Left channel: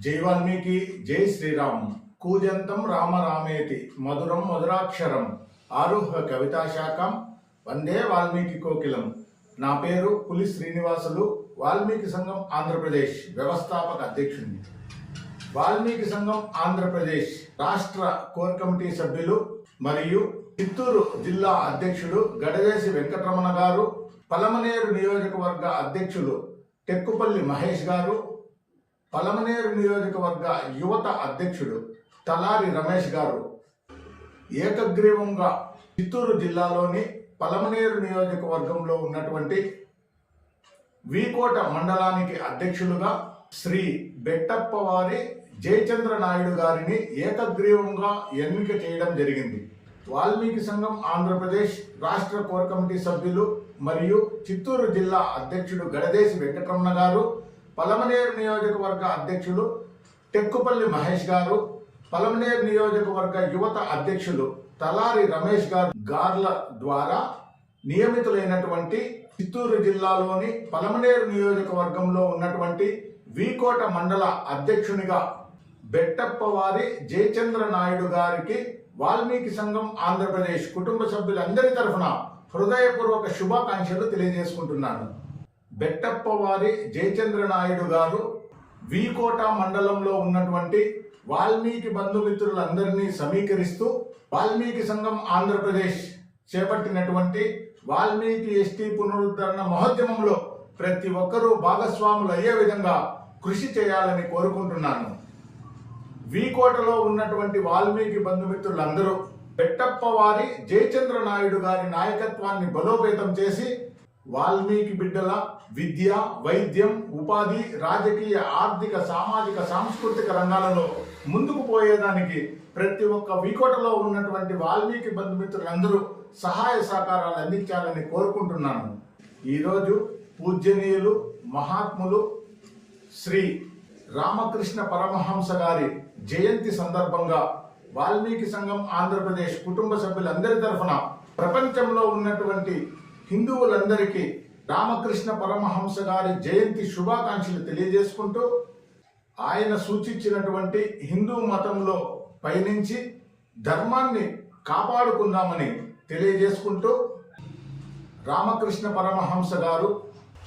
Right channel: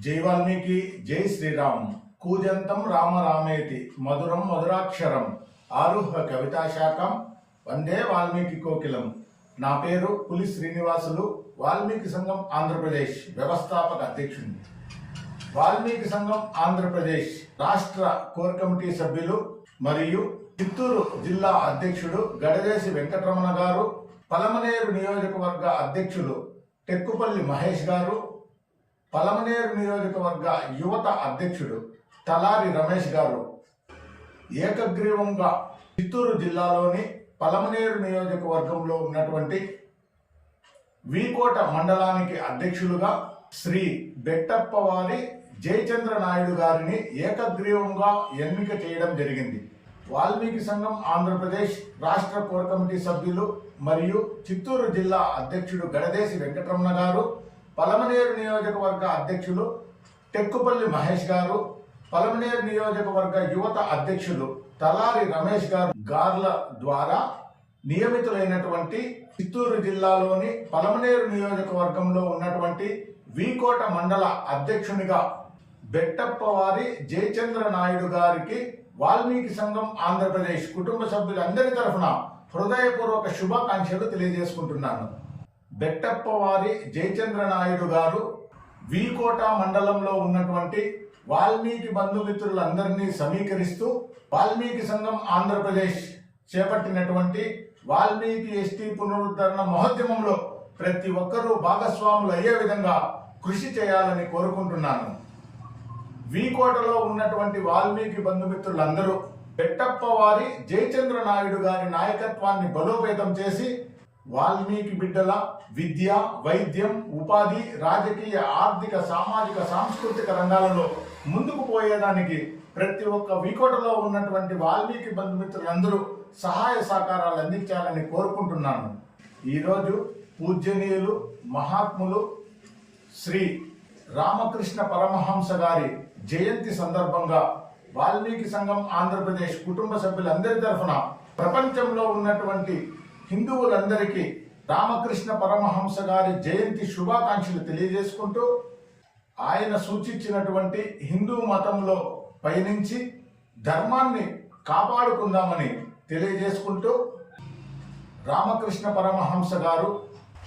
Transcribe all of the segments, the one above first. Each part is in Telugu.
జై వాల్మీకి జై శ్రీరామ్. కూజంతం రామ రామేతి. మధురం మధురాక్షరం. ఆరుహ కవితా శాఖం. వందే వాల్మీకి కోకిలం. నా పేరు పులి శ్రీనివాసులు. వాల్మీకి సంఘం ఆంధ్రప్రదేశ్. వ్యవస్థాపక అధ్యక్షుడిని వాల్మీకి సంఘం ఆంధ్రప్రదేశ్. రాష్ట్ర కోర్ కమిటీ సభ్యులు మరియు చిత్తూరు జిల్లా అధ్యక్షుడు గడదేశి వెంకటరమణ గారు. పలమనేరు నియోజకవర్గ అధ్యక్షులు. టెక్కుపల్లి మహేష్ గారు. పలమనేరు నియోజకవర్గ యువత అధ్యక్షుడు తలారి రమేష్ గారు ఏకగ్రీవంగా చిత్తూరు జిల్లాలోని పలమనేరు నియోజకవర్గంలో ఉన్నటువంటి వీకోట మండలానికి అధ్యక్షులుగా శ్రీ బెట్టప్పవారి జయచంద్ర నాయుడు గారిని ఏకగ్రీవంగా ఎన్నిక చేయడం జరిగింది. వాల్మీకి సంఘం ఆంధ్రప్రదేశ్ రాష్ట్ర కోర్ కమిటీ సభ్యులు మరియు చిత్తూరు జిల్లా అధ్యక్షుడు గడదేశి వెంకటరమణ గారు పలమనేరు నియోజకవర్గ అధ్యక్షులు టెక్కుపల్లి మహేష్ గారు పలమనేరు నియోజకవర్గ యువత అధ్యక్షులు తలారి రమేష్ గారు గార్ల ద్వారా నియమితులైనటువంటి చిత్తూరు జిల్లాలోని పలమనేరు నియోజకవర్గంలో ఉన్నటువంటి వీకోట మండల అధ్యక్షునిగా బెట్టప్పవారి జయచంద్ర నాయుడు గారికి వాల్మీకి సంఘం ఆంధ్రప్రదేశ్ కుటుంబ సభ్యులందరి తరఫున హృదయపూర్వక శుభాకాంక్షలు తెలియజేసుకుంటున్నాను. బెట్టప్పవారి జయచంద్ర నాయుడు గారు వీకోట మండలంలో ఉన్నటువంటి వాల్మీకి బంధుమిత్రులందరినీ సమీకరిస్తూ వాల్మీకి సంఘం ఆంధ్రప్రదేశ్ చేపట్టినటువంటి వాల్మీకి ఎస్టీ పునరుద్ధరణ మహోద్యమంలో ప్రతి ఒక్కరూ భాగస్వాములు అయ్యే విధంగా కృషి చేయాలని కోరుకుంటున్నాను. వీకోటలో ఉన్నటువంటి వాల్మీకి బంధుమిత్రులందరూ పెట్టప్ప వారి జయచంద్ర నాయుడు గారి నాయకత్వాన్ని బలోపేతం చేసి వాల్మీకి బిడ్డల విద్య వైద్యం ఉపాధి రాజకీయ ఆర్థిక సామాజిక సాంస్కృతిక రంగాలలో ముందుకు పోయేదానికి ప్రతి ఒక్క వీకోటలో ఉన్నటువంటి వాల్మీకి బంధుమిత్రులందరూ సహాయ సహకారాలు అందించాలని కోరుకుంటున్నాను. ఈరోజు పూజ్యనీయులు మహాత్ములు శ్రీ రామకృష్ణ పరమహంస గారి జయంతి సందర్భంగా వాల్మీకి సంఘం ఆంధ్రప్రదేశ్ కుటుంబ సభ్యులందరి తరఫున ప్రపంచంలో ఉన్నటువంటి హిందువులందరికీ రామకృష్ణ పరమహంస గారి జయంతి శుభాకాంక్షలు తెలియజేసుకుంటూ ఆయన సూచించినటువంటి హిందూ మతంలో పయనించి ధర్మాన్ని కాపాడుకుందామని తెలియజేసుకుంటూ రామకృష్ణ పరమహంస గారు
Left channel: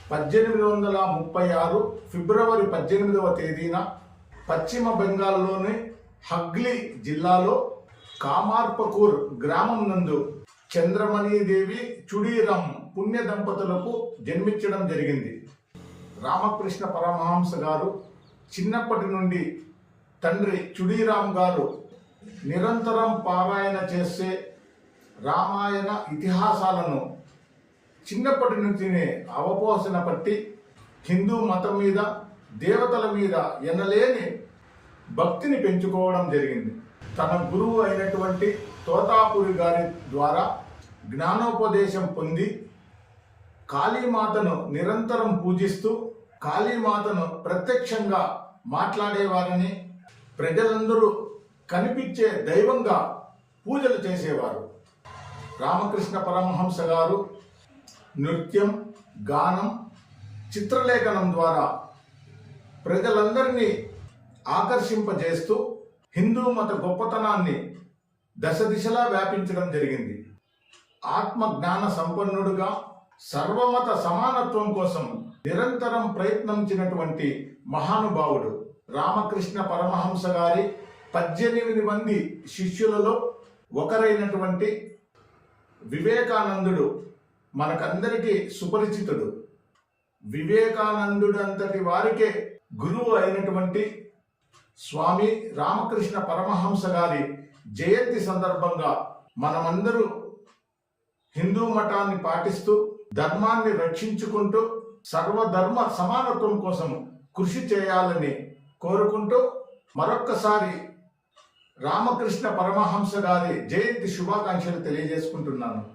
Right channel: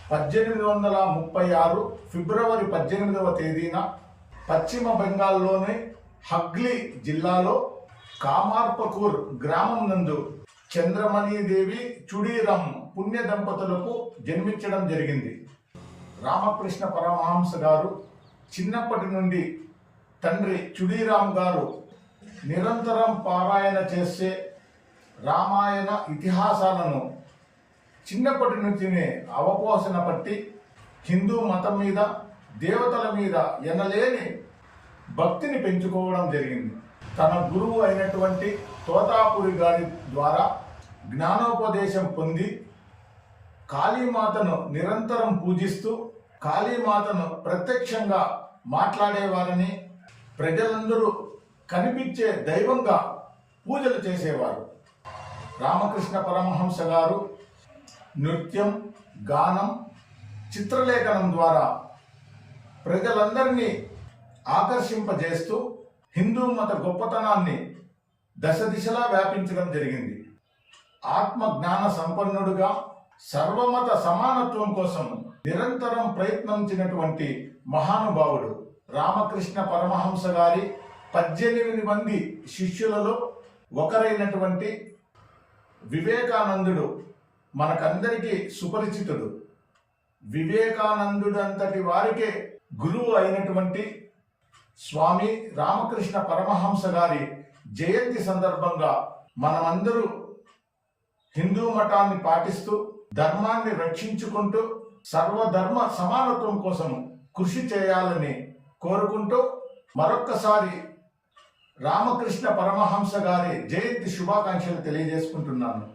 పద్దెనిమిది వందల ముప్పై ఆరు ఫిబ్రవరి పద్దెనిమిదవ తేదీన పశ్చిమ బెంగాల్లోని హగ్లీ జిల్లాలో కామార్పకూర్ గ్రామం నందు చంద్రమణిదేవి చుడీరామ్ పుణ్య దంపతులకు జన్మించడం జరిగింది. రామకృష్ణ పరమహంస గారు చిన్నప్పటి నుండి తండ్రి చుడీరామ్ గారు నిరంతరం పారాయణ చేసే రామాయణ ఇతిహాసాలను చిన్నప్పటి నుంచినే అవపోసన పట్టి హిందూ మతం మీద దేవతల మీద ఎనలేని భక్తిని పెంచుకోవడం జరిగింది. తన గురువు అయినటువంటి తోతాపురి గారి ద్వారా జ్ఞానోపదేశం పొంది కాళీమాతను నిరంతరం పూజిస్తూ కాళీమాతను ప్రత్యక్షంగా మాట్లాడేవారని ప్రజలందరూ కనిపించే దైవంగా పూజలు చేసేవారు. రామకృష్ణ పరమహంస గారు నృత్యం గానం చిత్రలేఖనం ద్వారా ప్రజలందరినీ ఆకర్షింపజేస్తూ హిందూ మత గొప్పతనాన్ని దశ దిశలా వ్యాపించడం జరిగింది. ఆత్మ జ్ఞాన సంపన్నుడుగా సర్వమత సమానత్వం కోసం నిరంతరం ప్రయత్నించినటువంటి మహానుభావుడు రామకృష్ణ పరమహంస గారి పద్దెనిమిది మంది శిష్యులలో ఒకరైనటువంటి వివేకానందుడు మనకందరికీ సుపరిచితుడు. వివేకానందుడు అంతటి వారికే గురువు అయినటువంటి స్వామి రామకృష్ణ పరమహంస గారి జయంతి సందర్భంగా మనమందరూ హిందూ మఠాన్ని పాటిస్తూ ధర్మాన్ని రక్షించుకుంటూ సర్వధర్మ సమానత్వం కోసం కృషి చేయాలని కోరుకుంటూ మరొక్కసారి రామకృష్ణ పరమహంస గారి జయంతి శుభాకాంక్షలు తెలియజేసుకుంటున్నాను.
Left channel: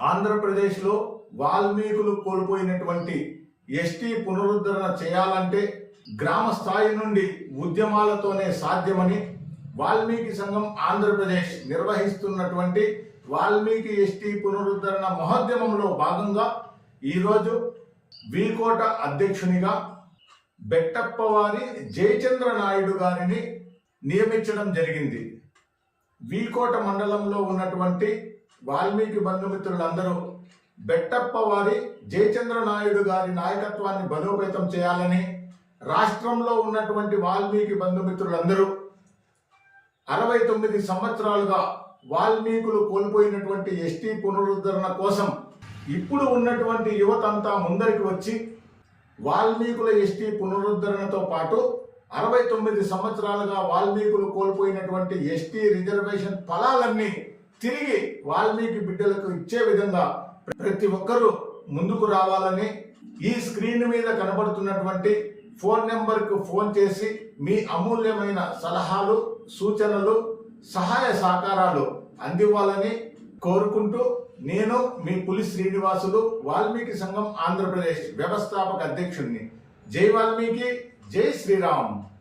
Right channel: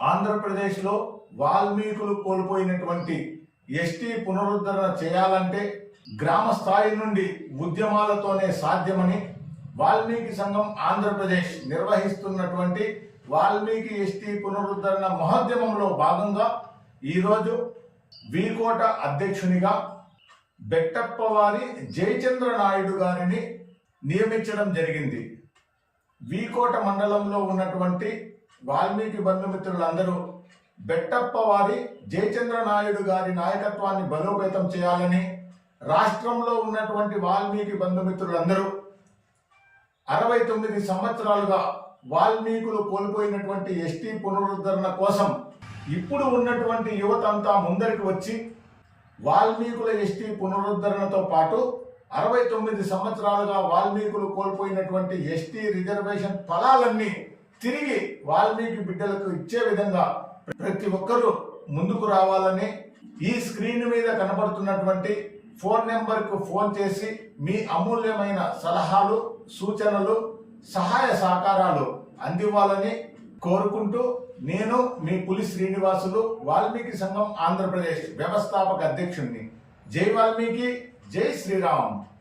ఆంధ్రప్రదేశ్లో వాల్మీకులు కోల్పోయినటువంటి ఎస్టీ పునరుద్ధరణ చేయాలంటే గ్రామ స్థాయి నుండి ఉద్యమాలతోనే సాధ్యమని వాల్మీకి సంఘం ఆంధ్రప్రదేశ్ నిర్వహిస్తున్నటువంటి వాల్మీకి ఎస్టీ పునరుద్ధరణ మహోద్యమంలో భాగంగా ఈరోజు వీకోట అధ్యక్షునిగా బెట్టప్పవారి జయచంద్ర నాయుడు గారిని నియమించడం జరిగింది. వీకోట మండలంలో ఉన్నటువంటి వాల్మీకి బంధుమిత్రులందరూ బెట్టప్పవారి జయచంద్ర నాయుడు గారి నాయకత్వాన్ని బలోపేతం చేయాలని రాష్ట్రంలో ఉన్నటువంటి వాల్మీకి బంధుమిత్రులందరూ అరవై తొమ్మిది సంవత్సరాలుగా వాల్మీకులు కోల్పోయినటువంటి ఎస్టీ పునరుద్ధరణ కోసం ఇప్పుడు ఉన్నటువంటి యువతంతా ముందరికి వచ్చి వాల్మీకుల ఎస్టీ పునరుద్ధరణతో పాటు అరవై తొమ్మిది సంవత్సరాలుగా వాల్మీకులు కోల్పోయినటువంటి ఎస్టీ రిజర్వేషన్ ఫలాలన్నీ తిరిగి వాల్మీకి బిడ్డలకు ఇచ్చే విధంగా ప్రతి ఒక్కరూ ముందుకు రావాలని ఈ స్క్రీన్ మీద కనబడుతున్నటువంటి ఫోన్ నెంబర్కు ఫోన్ చేసి మీ అమూల్యమైన సలహాలు సూచనలు సహాయ సహకారాలు అందివ్వాలని కోరుకుంటూ నేను మీ పులి శ్రీనివాసులు వాల్మీకి సంఘం ఆంధ్రప్రదేశ్ వ్యవస్థాపక అధ్యక్షుడిని జై వాల్మీకి జై శ్రీరామ్.